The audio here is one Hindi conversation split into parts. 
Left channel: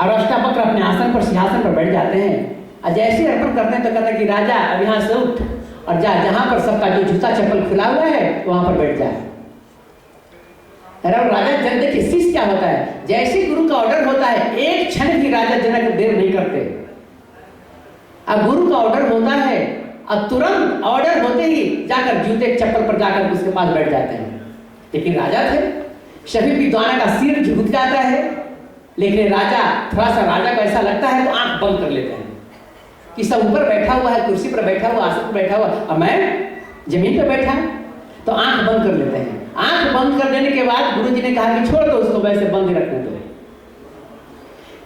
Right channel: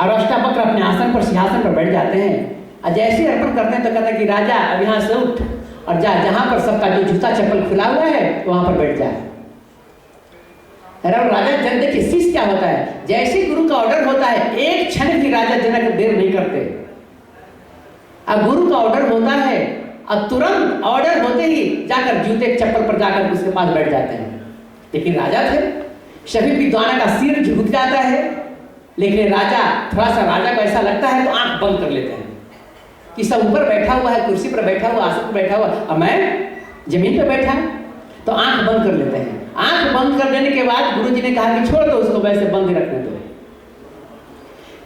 और अष्टावक्र अपने आसन पर, सिंहासन पर बैठ जाते हैं। और जैसे अर्पण करते हैं तो कहते हैं कि राजा अब यहाँ से उठ और जा, जहां पर सबका जो जूता चप्पल खुला हुआ है वहां पर बैठ जा। राजा जनक, देखिए शिष्य क्या होता है, जैसे गुरु का ऑर्डर होता है एक क्षण भी राजा जनक देर नहीं करते। अब गुरु का ऑर्डर होता है और तुरंत ऑर्डर होते ही जाकर जूते चप्पल पर जाकर उसके पास बैठ जाते हैं। लेकिन राजा थे, सभी विद्वानों का सिर झुक जाता है, लेकिन राजा थोड़ा सा, राजा को ऐसा लगता है तो आंख बंद कर लेते हैं कि सब ऊपर बैठा हुआ है, कुर्सी पर बैठा हुआ, आसन पर बैठा हुआ, और मैं जमीन पर बैठा, तो आंख बंद कर लेते हैं। आंख बंद कर देने के बाद गुरु जी ने कहा कि छोड़ दो उसको, वैसे बंद रखने दो।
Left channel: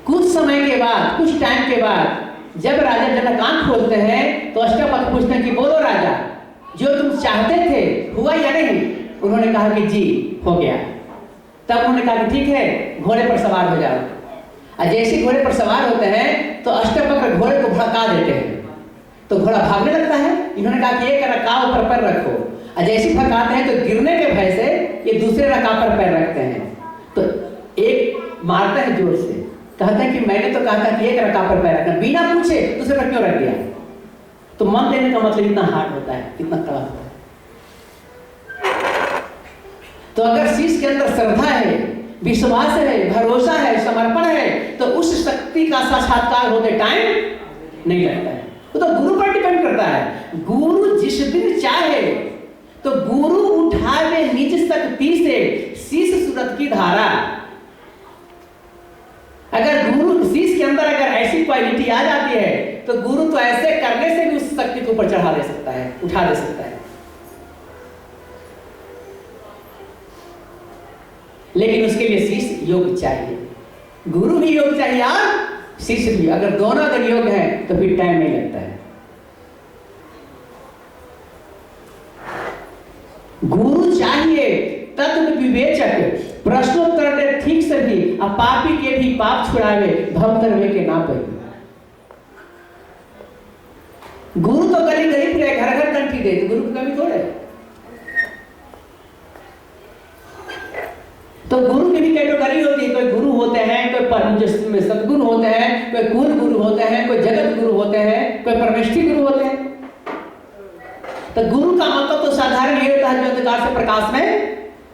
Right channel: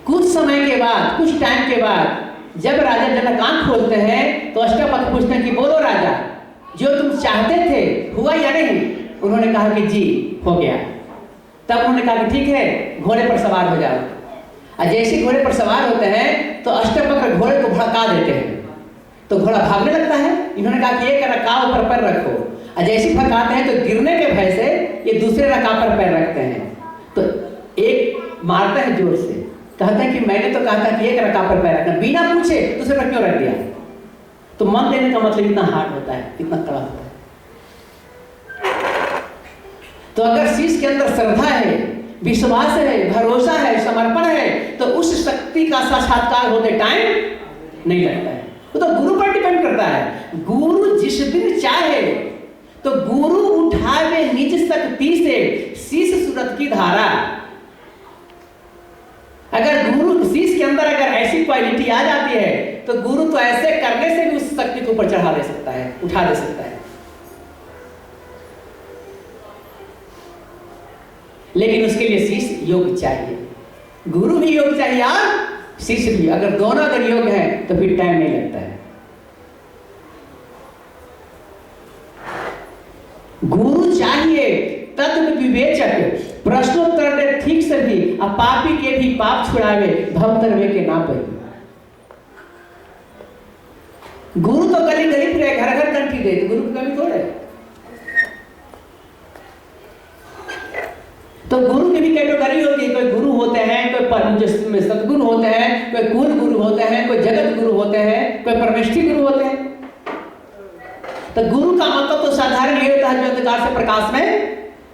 कुछ समय के बाद, कुछ टाइम के बाद जब राजा जनक आंख खोलते हैं तो अष्टावक्र पूछते हैं कि बोलो राजा, जो तुम चाहते थे हुआ या नहीं? उन्होंने कहा कि जी हो गया। तब उन्होंने कहा कि ठीक है, घोड़े पर सवार हो जाओ। और जैसे घोड़े पर सवार होते हैं तो अष्टावक्र घोड़े को भड़का देते हैं, तो घोड़ा भागने लगता है। इन्होंने कहा कि एक रकाब पर पैर रखो, और जैसे भड़काते हैं तो गिरने के भय से ये दूसरे रकाब पर पैर रखते हैं, तो एक मारते हैं जोर से, कहते हैं कि मैंने तो कहा था कि एक रकाब पर पैर रखना, बिना पूछे दूसरे पर क्यों रख दिया? तो मन देने का मतलब इतना हार्ड होता है, इतना कड़ा होता है। तो अगर शिष्य के अंदर श्रद्धा है, विश्वास है, भरोसा है, समर्पण है, तो उस शक्ति का साक्षात्कार होते टाइम नहीं लगता है। वो तो गुरु पर डिपेंड करता है। गुरु जिस दिन चाहे तो गुरु उठावे निज शक्ति से शिष्य सूरत की धारा। अगर गुरु शिष्य के अंदर अगर ऐसी क्वालिटी आ जाती है तो गुरु तो ऐसे करने से भी उस शक्ति को ऊपर चढ़ा दे सकता है, उठा दे सकता है। लेकिन उसके लिए शिष्य योग चाहिए, गुरु भी योग चाहिए और शिष्य भी। अगर दोनों अगर योग है तो फिर टाइम नहीं लगता है। गुरु चाहिए तत्व विवेचक, प्रश्नोत्तर दे ठीक से भी, और पापी के भी पाप छुड़ावे, भव करवे के ना पड़ी। गुरु तो गली गली फिरे, घर घर कंठी दे, गुरु की कमी थोड़े। तो गुरु की भी कैटेगरी होती है, कोई गुरु होते हैं, कोई सदगुरु होते हैं, कोई कुल गुरु होते हैं, कोई जगत गुरु होते हैं, कोई परमेष्ठी गुरु होते हैं। तो गुरु का मतलब तो साधारण ये होता है जो अंधकार से प्रकाश में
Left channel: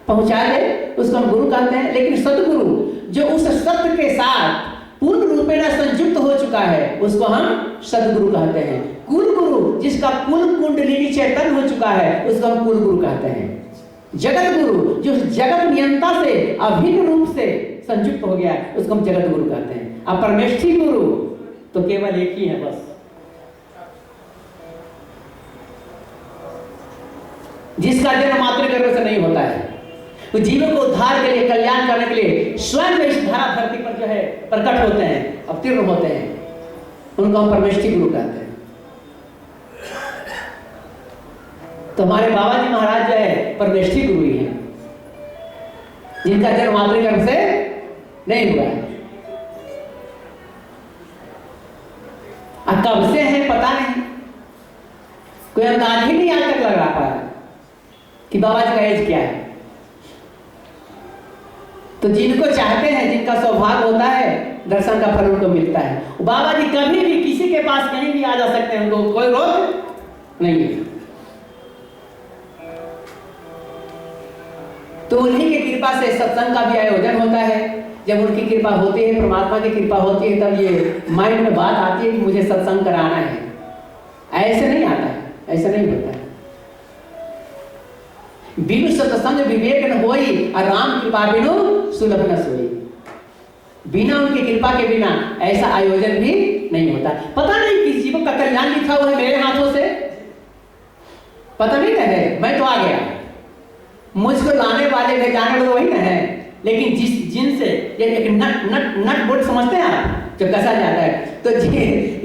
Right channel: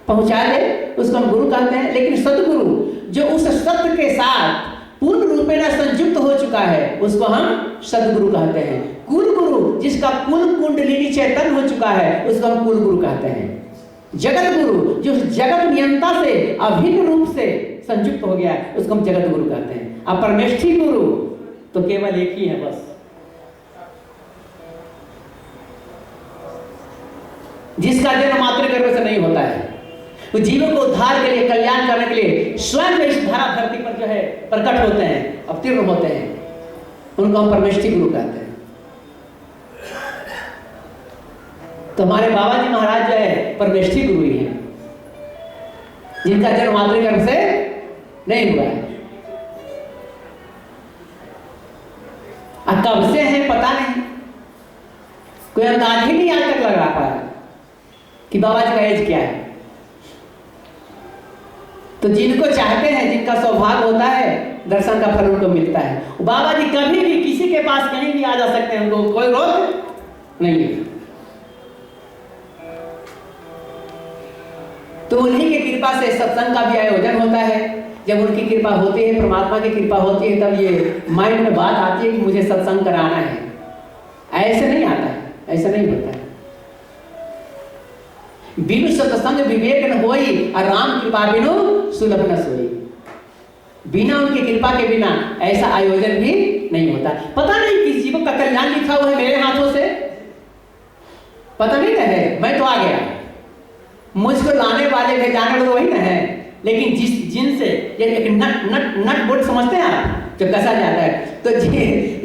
पहुंचा दे, उसको हम गुरु कहते हैं। लेकिन सदगुरु जो उस सत्य के साथ पूर्ण रूपेण संयुक्त हो चुका है, उसको हम सदगुरु कहते हैं। कुल गुरु जिसका कुल कुंडलिनी चैतन्य हो चुका है, उसको हम कुल गुरु कहते हैं। जगत गुरु जो जगत नियंता से अभिन्न रूप से संयुक्त हो गया है, उसको हम जगत गुरु कहते हैं। अब परमेष्ठी गुरु तो केवल एक ही है बस, जिसका जन्म मातृगर्भ से नहीं होता है। तो जीवन को उद्धार के लिए, कल्याण करने के लिए स्वयं इस धरा धरती पर जो है प्रकट होते हैं, अवतीर्ण होते हैं, उनको हम परमेष्ठी गुरु कहते हैं। तो हमारे बाबा जी महाराज जो है परमेष्ठी गुरु ही हैं, जिनका जन्म मातृगर्भ से नहीं हुआ है। अब कब से है पता नहीं, कोई अंदाज ही नहीं आज तक लगा पाया कि बाबा जी का एज क्या है। तो जिनको चाहते हैं, जिनका सौभाग्य होता है, दर्शन का फल उनको मिलता है। बाबा जी कभी भी किसी के पास कहीं भी आ जा सकते हैं, उनको कोई रोक नहीं है। तो उन्हीं की कृपा से सत्संग का भी आयोजन होता है। जब उनकी कृपा होती है, परमात्मा की कृपा होती है, तब ये माइंड में बात आती है कि मुझे सत्संग कराना है। ऐसे नहीं आता है, ऐसा नहीं होता है। बिनु सत्संग विवेक न होई, और राम कृपा बिनु सुलभ न सोई। बिना उनकी कृपा के बिना ऐसा आयोजन भी नहीं होता। पता नहीं किस जीवन का कल्याण लिखा हुआ है मेरे हाथों से, पता नहीं है। मैं तो आ गया, मुझको लाने वाले थे, जाने वाले तो वही ना है। लेकिन जिनसे एक नट बोल्ट समझते हैं आप, जो कसा जाता है, तो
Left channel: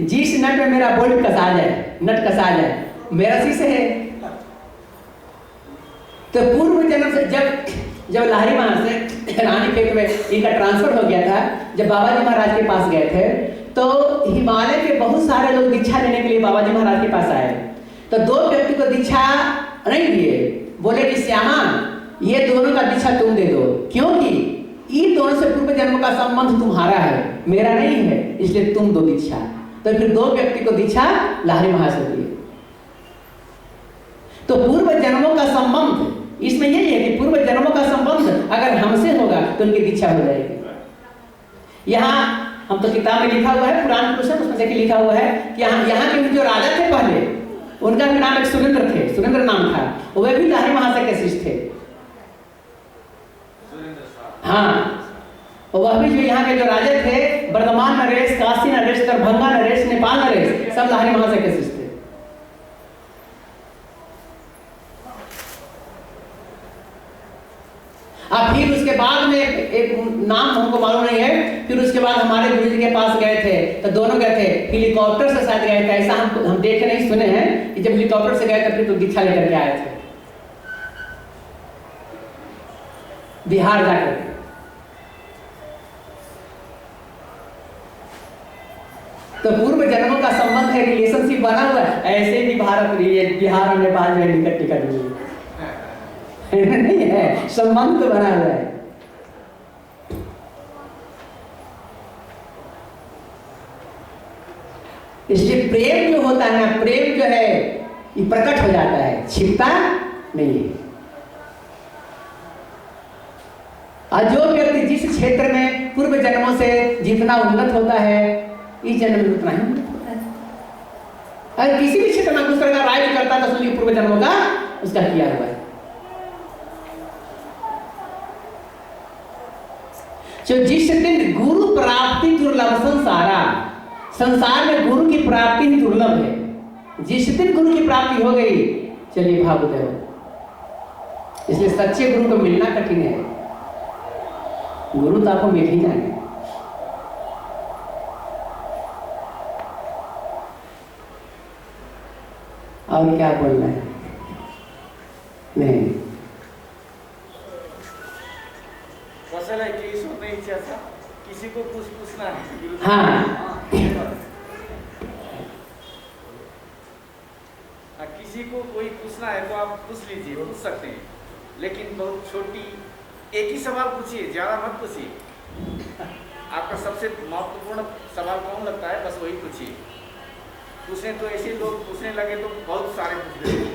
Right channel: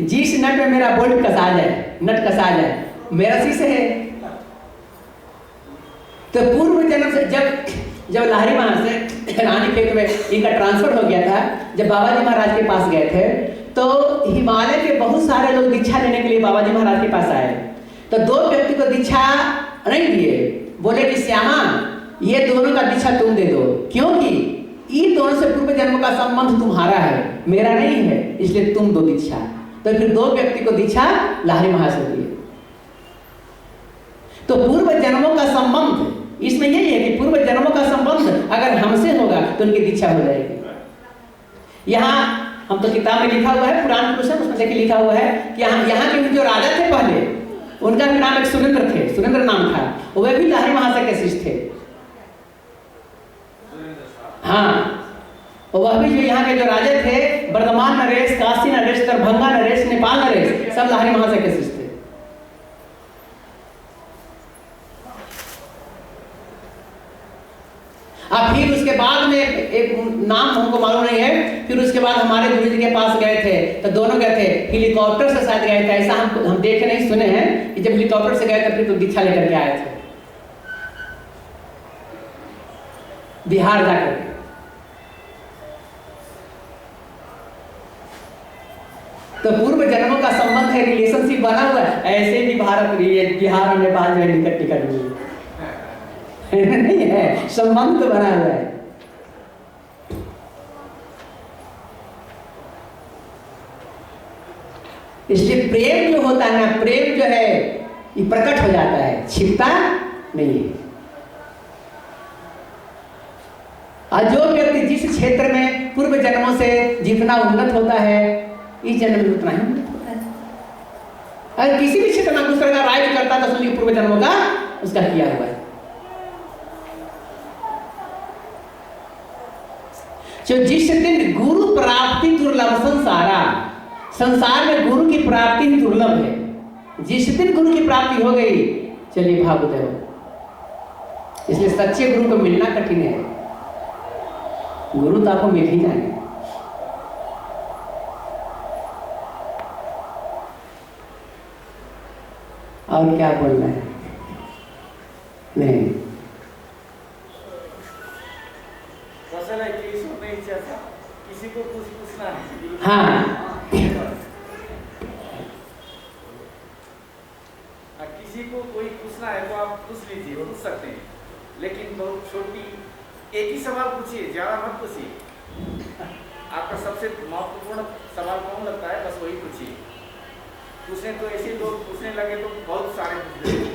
जिस नट में मेरा बोल्ट कसा जाए, नट कसा जाए, मेरा शीशे है। तो पूर्व जन्म से जब लाहरी वहां से रानी खेत में इनका ट्रांसफर हो गया था, जब बाबा जी महाराज के पास गए थे, तो हिमालय के बहुत सारे लोग दीक्षा लेने के लिए बाबा जी महाराज के पास आए। तो दो व्यक्ति को दीक्षा नहीं दिए, बोले कि श्यामा ये दोनों का दीक्षा तुम दे दो, क्योंकि इन दोनों से पूर्व जन्म का संबंध तुम्हारा है, मेरा नहीं है, इसलिए तुम दो दीक्षा। तो फिर दो व्यक्ति को दीक्षा लाहिरी महाशय दी। तो पूर्व जन्मों का संबंध इसमें यही है कि पूर्व जन्मों का संबंध अगर हमसे होगा तो उनकी दीक्षा हो जाएगी। यहाँ हम तो किताब में लिखा हुआ है, पुराण पुरुष है, उसमें देखिए लिखा हुआ है कि यहाँ के जो राजा थे पहले, उनका भी नाम एक सुरेंद्र थे, सुरेंद्र नाम था, वह भी लाहिरी महाशय के शिष्य थे। हाँ, वह भी जो यहाँ के जो राजा थे, वर्धमान नरेश, काशी नरेश, दरभंगा नरेश, नेपाल नरेश, सब लाहिरी महाशय के शिष्य थे। अब फिर उसके बाद में एक नाम हमको मालूम नहीं है, फिर उसके बाद हमारे गुरु जी के पास गए थे, तो दोनों गए थे, हेलीकॉप्टर से शायद गए थे, ऐसा हम देखे नहीं सुने हैं कि जब हेलीकॉप्टर से गए थे फिर तो दीक्षा लेकर के आए थे बिहार जाकर। तो पूर्व जन्मों का संबंध है, रिलेशनशिप बना हुआ है। ऐसे भी भारत बिहार और नेपाल में निकट निकट नहीं है, संबंध तो बना हुआ है। इसलिए प्रेम जो होता है ना, प्रेम जो है ये प्रकट हो जाता है, छिपता नहीं है। और जो व्यक्ति जिस क्षेत्र में पूर्व जन्मों से जितना उन्नत होता है, इस जन्म में उतना ही उन्नत होता है। अगर किसी भी क्षेत्र में दूसरे का राज्य करता है तो समझिए पूर्व जन्मों का उसका किया हुआ है। जो जिस दिन गुरु प्राप्ति दुर्लभ संसार में गुरु की प्राप्ति ही दुर्लभ है। जिस दिन गुरु की प्राप्ति हो गई, चलिए भावुदय हो। इसलिए सच्चे गुरु को मिलना कठिन है, गुरु तो आपको मिल ही जाएंगे। और क्या बोलना है? नहीं, किसी को कुछ पूछना है। हाँ, किसी को कोई पूछना है तो आप पूछ लीजिए, पूछ सकते हैं, लेकिन बहुत छोटी एक ही सवाल पूछिए, ज्यादा मत पूछिए। आपका सबसे महत्वपूर्ण सवाल कौन लगता है, बस वही पूछिए। पूछने तो ऐसे लोग पूछने लगे तो बहुत सारे पूछ देंगे।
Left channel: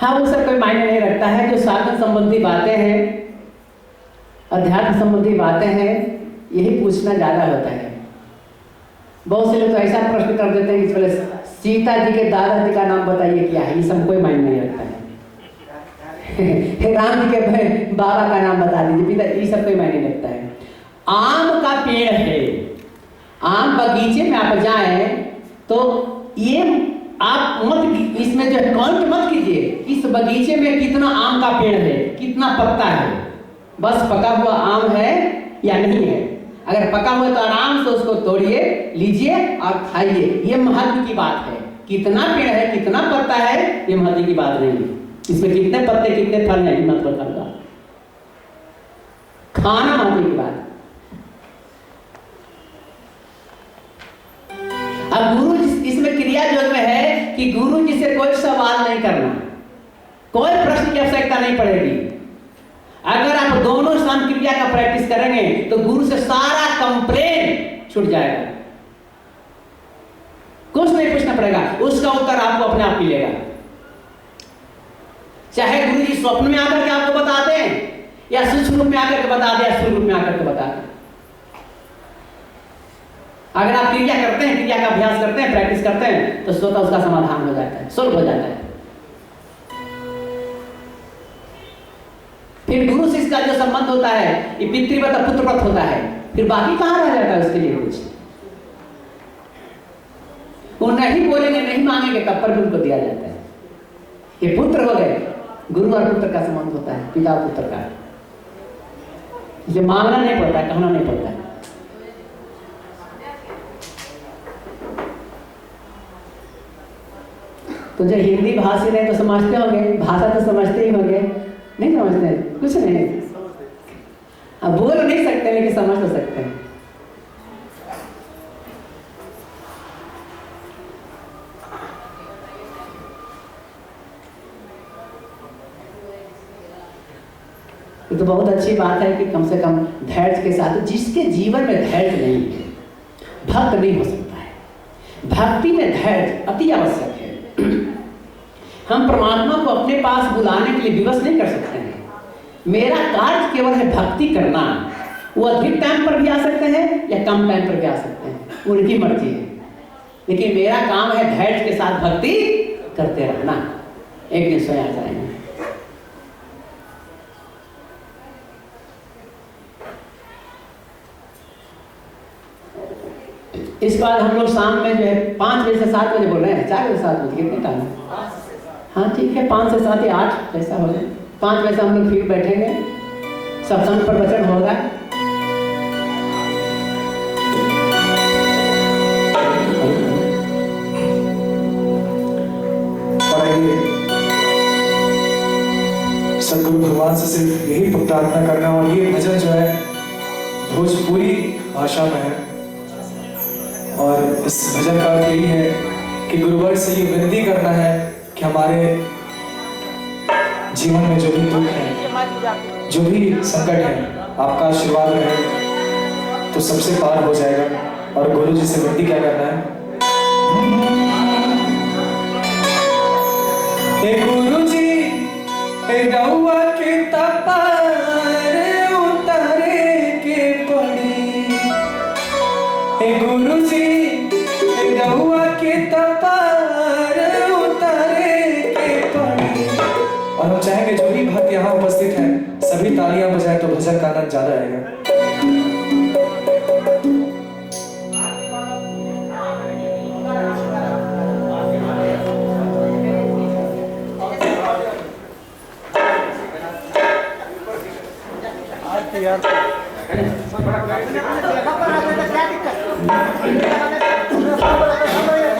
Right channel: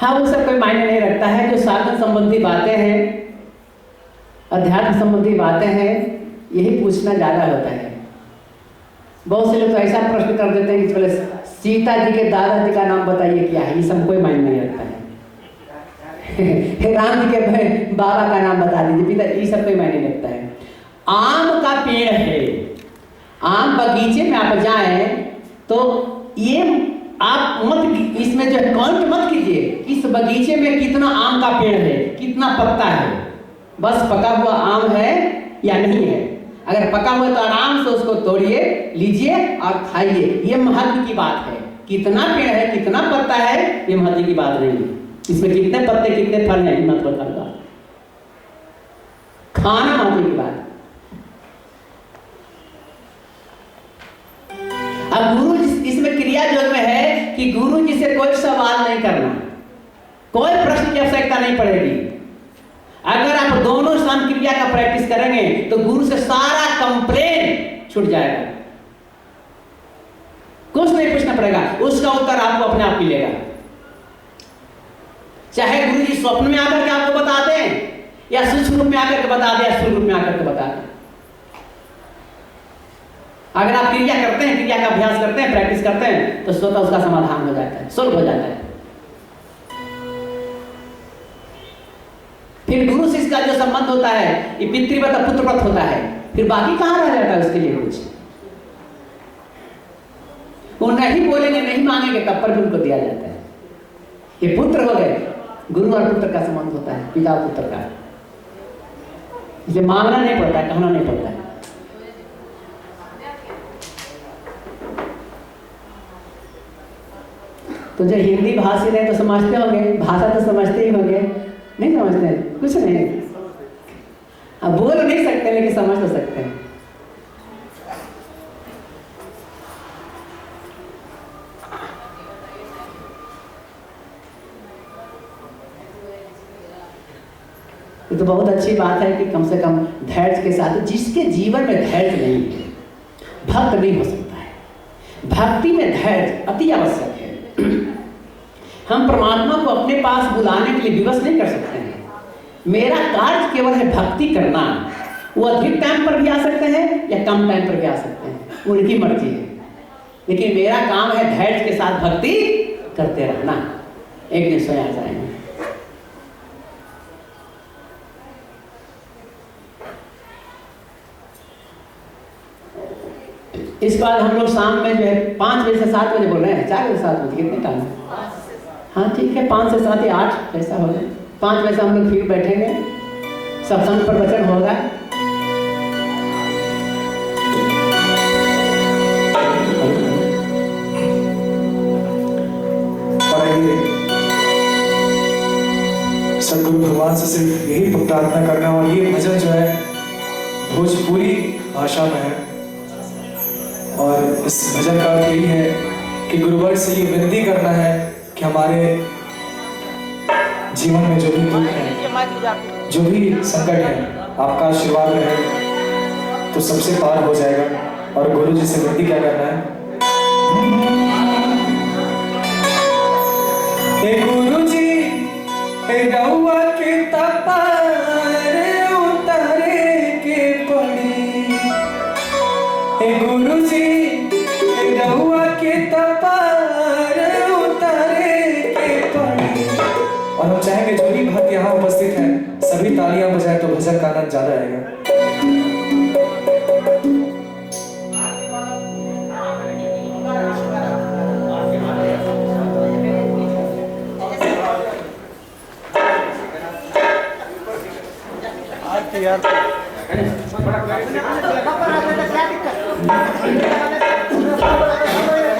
हाँ, वो सब कोई मायने नहीं रखता है। जो साधन संबंधी बातें हैं, अध्यात्म संबंधी बातें हैं, यही पूछना ज्यादा होता है। बहुत से लोग तो ऐसा प्रश्न कर देते हैं कि पहले सीता जी के दादाजी का नाम बताइए क्या है, ये सब कोई मायने नहीं रखता है। राम जी के बाबा का नाम बता दीजिए, पिता, ये सब कोई मायने नहीं रखता है। आम का पेड़ है, आम बगीचे में आप जाएं तो ये आप मत, इसमें जो है काउंट मत कीजिए इस बगीचे में कितना आम का पेड़ है, कितना पत्ता है, बस पका हुआ आम है या नहीं है। अगर पका हुआ तो आराम से उसको तोड़िए, लीजिए और खाइए। ये महत्व की बात है। कितना पेड़ है, कितना पत्ता है, ये महत्व की बात नहीं है। इसमें कितने पत्ते, कितने फल हैं, महत्व का खाना महत्व की बात। अब गुरु इसमें क्रिया योग में है कि गुरु जी से कोई सवाल नहीं करना, कोई प्रश्न की आवश्यकता नहीं पड़ेगी। अगर आप दोनों स्थान क्रिया का प्रैक्टिस करेंगे तो गुरु से सारा कंप्लेन छूट जाएगा, कुछ नहीं पूछना पड़ेगा, उसका उत्तर आपको अपने आप मिलेगा। चाहे गुरु जी स्वप्न में आकर के आपको बता दें या सूक्ष्म रूप में आकर के बता दें या स्थूल रूप में आकर के बता दें। अगर आप क्रिया करते हैं, क्रिया का अभ्यास करते हैं, प्रैक्टिस करते हैं, तो स्वतः उसका समाधान हो जाता है, सोल्व हो जाता है। फिर गुरु शिष्य का जो संबंध होता है ये पितृव्रत पुत्रव्रत होता है, फिर बाकी कहां रह जाता है उसके लिए कुछ। वो नहीं बोलेंगे, नहीं मांगेंगे, तब पर भी उनको दिया जाता है। ये पुत्र हो गए, गुरु और पुत्र का संबंध होता है, पिता पुत्र का। इसलिए मांगना नहीं पड़ता है, कहना नहीं पड़ता है। तो जो हिंदी भाषी रहे तो समझते होंगे, भाषा तो समझते ही होंगे, नहीं समझते? कुछ नहीं, अब बोल नहीं सकते लेकिन समझ तो सकते हैं। ये तो बहुत अच्छी बात है कि कम से कम धैर्य के साथ, जिसके जीवन में धैर्य नहीं है भक्त नहीं हो सकता है। भक्ति में धैर्य अति आवश्यक है। हम परमात्मा को अपने पास बुलाने के लिए विवश नहीं कर सकते हैं। मेरा कार्य केवल है भक्ति करना। वो अधिक टाइम पर भी आ सकते हैं या कम टाइम पर भी आ सकते हैं, उनकी मर्जी है, लेकिन मेरा काम है धैर्य के साथ भक्ति करते रहना। एक दिन स्वयं आ जाएंगे। इसके बाद हम लोग शाम में जो है 5 बजे से 7 बजे बोल रहे हैं, 4 बजे 7 बजे कितने टाइम? हाँ ठीक है, 5 से 7 या 8 ऐसा हो जाए। 5 बजे से हम लोग फिर बैठेंगे, सत्संग पर वचन होगा। सदगुरु भगवान से सिर्फ यही प्रार्थना करना, और ये भजन जो है भोजपुरी भाषा में है, और इस भजन का अर्थ यही है कि गुरुवर से ये विनती करना है कि हमारे जीवन में जो भी दुख है, जो भी संकट है, आपका आशीर्वाद रहे तो सबसे पार हो जाएगा। और गुरु जी से विनती क्या करना है? हे गुरु जी रउआ के तपार उतारे के पड़ी, हे गुरु जी रउआ के तपार उतारे के पड़ी। और हम चाहेंगे जो भी भक्त यहाँ उपस्थित हैं सभी तालियां बजाएं तो भजन का आनंद ज्यादा आएगा।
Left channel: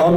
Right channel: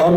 और